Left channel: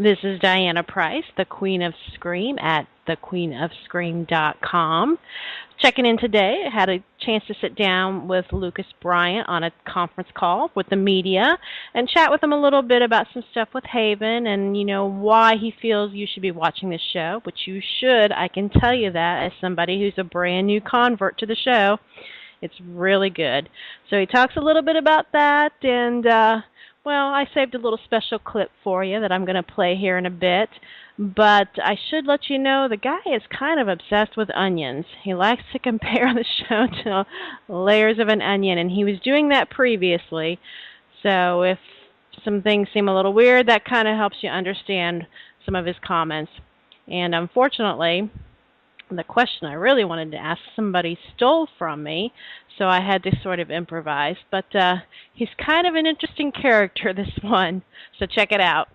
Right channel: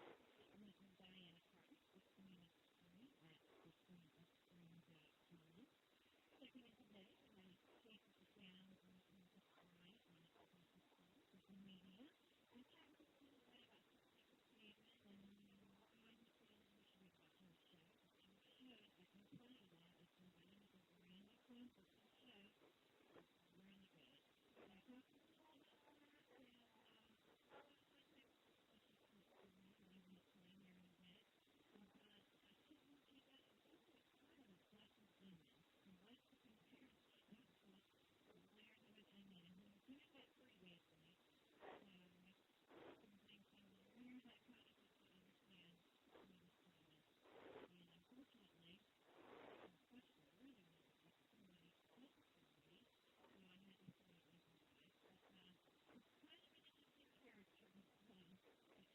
This is Diana Price, the Queen of Scream at thequeenofscream.com. Checking in today, I had a chance to sit down with Lucas Bryant on a conference call with the media and chat with him a little bit about some stuff with Haven and, why he feels you should be watching this show, which you should. I can tell you that as somebody who's a brand new convert to the show. It's really good. So he talks a little bit about that, and, I saved a little special clip for you that I'm going to play here in a bit. But I should let you know the guy is kind of obsessed with onions. He likes to compare the show to layers of an onion, and he was doing that previously. So if some things seem a little weird, that kind of helps you understand some of his comments. And unfortunately, the question I really wanted to ask somebody stole from me, so I had to sort of improvise. But he's kind of an interesting character, this one, so check it out.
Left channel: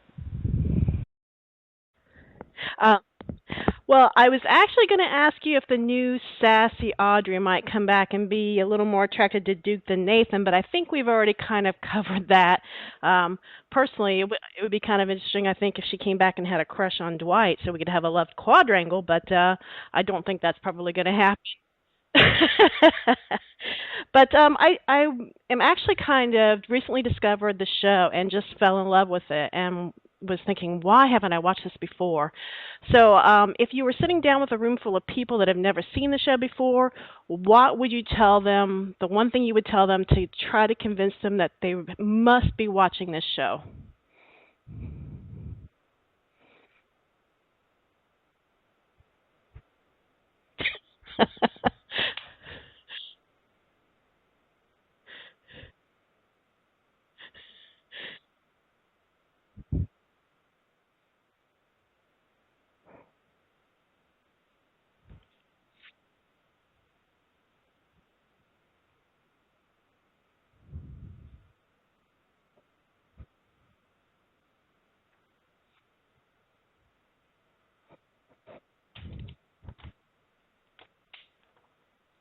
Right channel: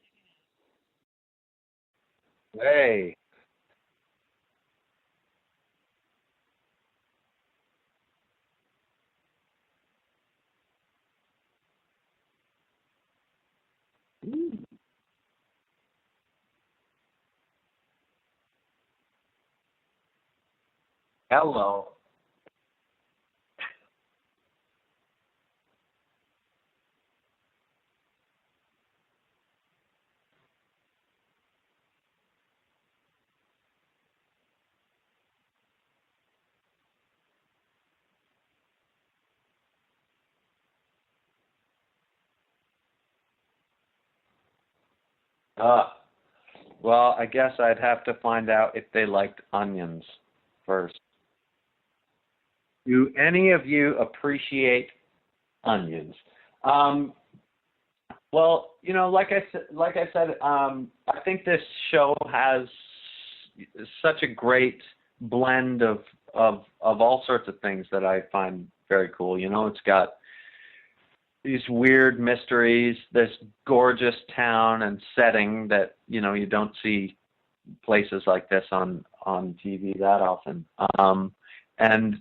Hey. Well, I was actually going to ask you if the new sassy Audrey might come back and be a little more attracted to Duke than Nathan, but I think we've already kind of covered that. Personally, it would be kind of interesting, I think, if she came back and had a crush on Dwight so we could have a love quadrangle, but I don't think that's probably going to happen. Hello. But I am actually kind of recently discovered the show and just fell in love with it and was thinking, why haven't I watched this before? So if you were sitting down with a room full of people that have never seen the show before, what would you tell them, the one thing you would tell them to try to convince them that they must be watching this show? Well, I guess I'd have to find out if they liked onions first. Do any of you appreciate onions? Well, like I said, I think this show has such a great blend of all sorts of things that I find very cool. It's got these weird mysteries, this gorgeous town and setting that you don't see places like this on TV that often, and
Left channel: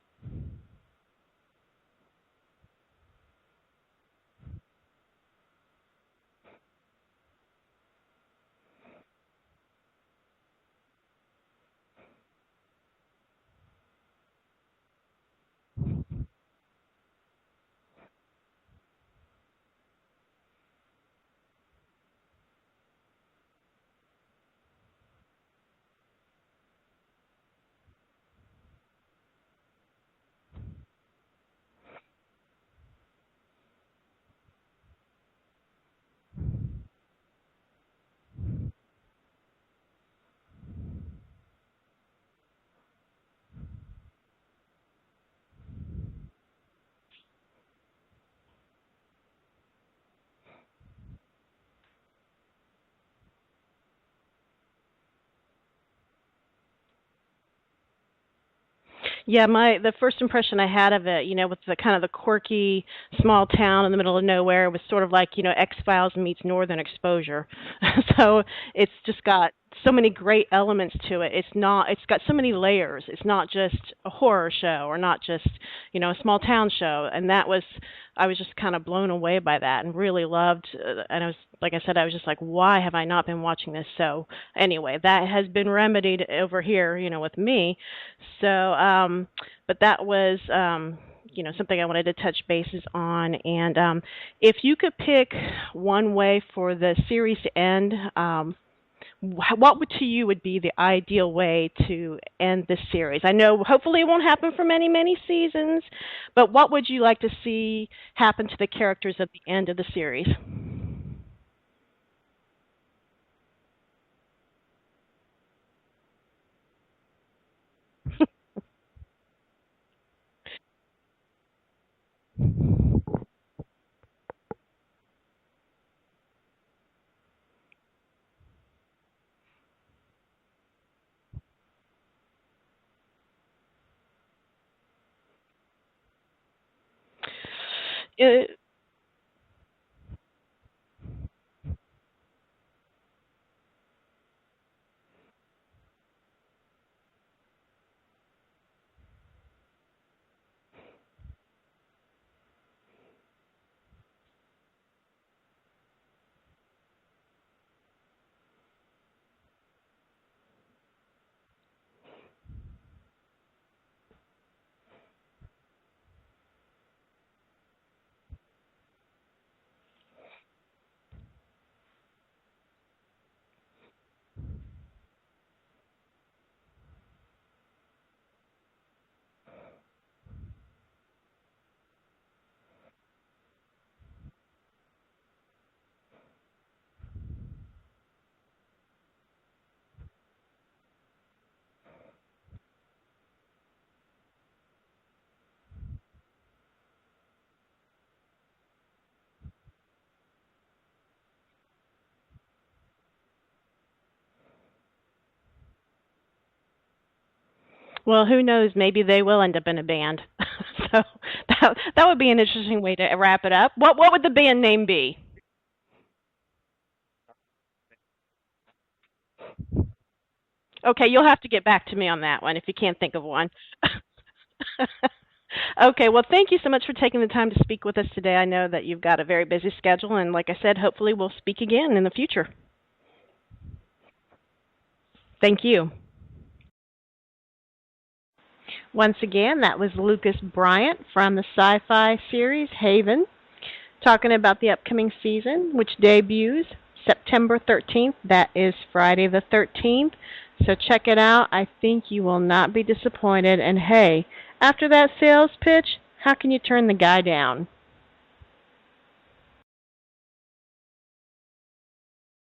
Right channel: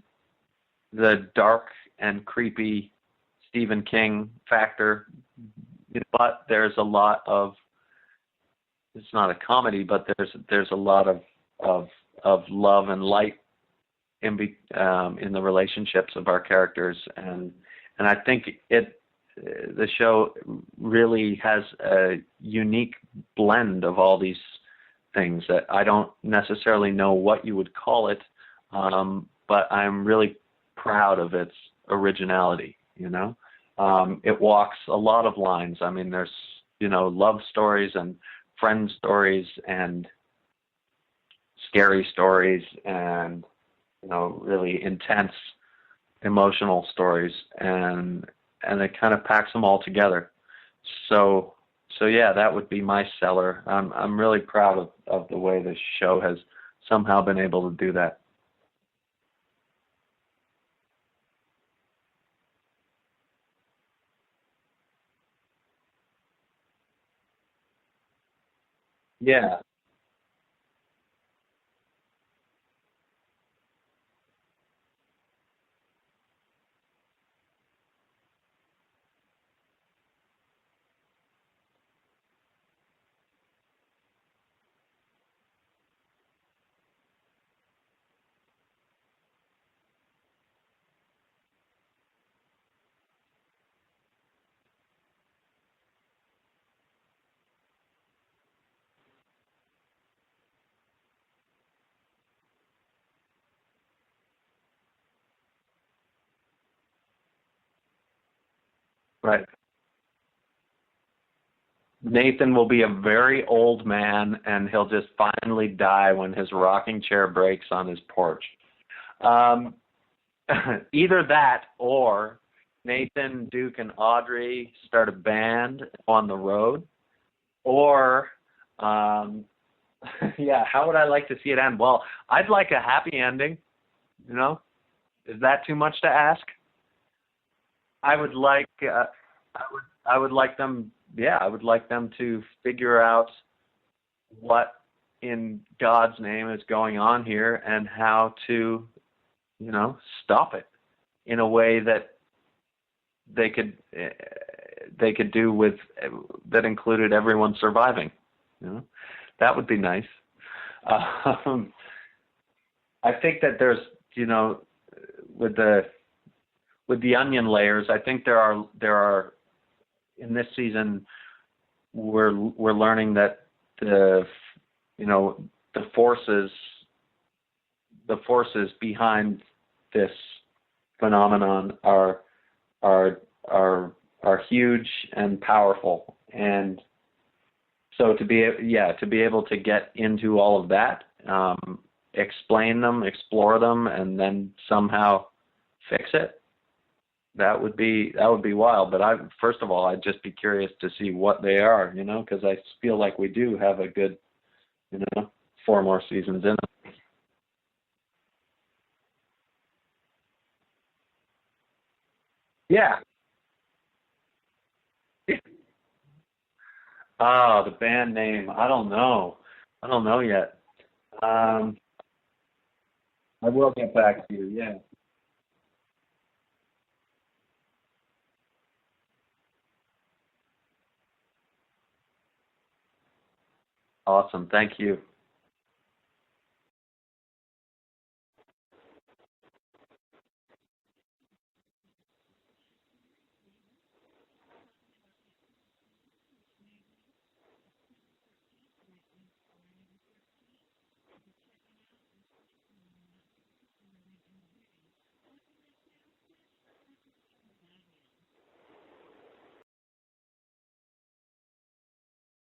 the dark and creepy Stephen King factor. But there's a lot of, it's not a comedy, but there's a lot of love and light in the relationships of our characters, and I think the show really has a unique blend of all these things that I don't necessarily know what you would call it, but I'm really proud of its originality. It walks a lot of lines. I mean, there's, love stories and friend stories and scary stories and, really intense emotional stories, and it kind of packs them all together. So yeah, that would be my seller. I'm really proud of the way this show has somehow been able to do that. Yeah, the first impression I had of it, with the kind of the quirky small town in the middle of nowhere, was sort of like, X-Files meets Northern Exposure. So it's just got so many great elements to it. It's got so many layers. It's not just a horror show or not just, a small town show. And I was just kind of blown away by that and really loved, and like I said, I was just like, why have I not been watching this? So anyway, that has been remedied over here, with me. So, but that was, something I wanted to touch bases on. And if you could pick one way for the series to end, what to you would be the ideal way to end this series? I know hopefully it won't happen for many, many seasons, but what would you like to see happen to the characters at the end of the series? Nathan will be a very old man, and he'll just finally die when his rocking chair breaks on his porch. Either that, or Nathan, Duke, and Audrey start a band on the road, or how would I like to see it end? Well, I'd like a happy ending. Is that too much to ask? I would like them. Yeah, I would like them to figure out what in God's name is going on here and how to, stop it in a way that they could do with that included everyone surviving. That would be nice. I think that there's, with the onion layers, I think there are in this season we're learning that the forces behind this phenomenon are huge and powerful, and so to be able to get into all of that, explain them, explore them, and then somehow fix it, that would be wild. But first of all, I'd just be curious to see what they are, because I feel like we do have a good, 4 more seasons in it. Well, who knows? Maybe they will end up in a band. So that would be an interesting way to wrap it up. What would the band name be? The band name. I don't know yet. Okay, you'll have to get back to me on that one if you can't think of one. I will get back to you, yeah. Okay, well, thank you so much for taking the time to speak with us today. I know that you've got a very busy schedule, and like I said, hopefully we'll speak again in the future. Awesome. Thank you. Thank you. Once again, that was Lucas Bryant from the sci-fi series Haven, talking about the upcoming season, which debuts September 13th. That is Friday the 13th. So check it out. I think you will not be disappointed. And hey, after that sales pitch, how can you turn the guy down?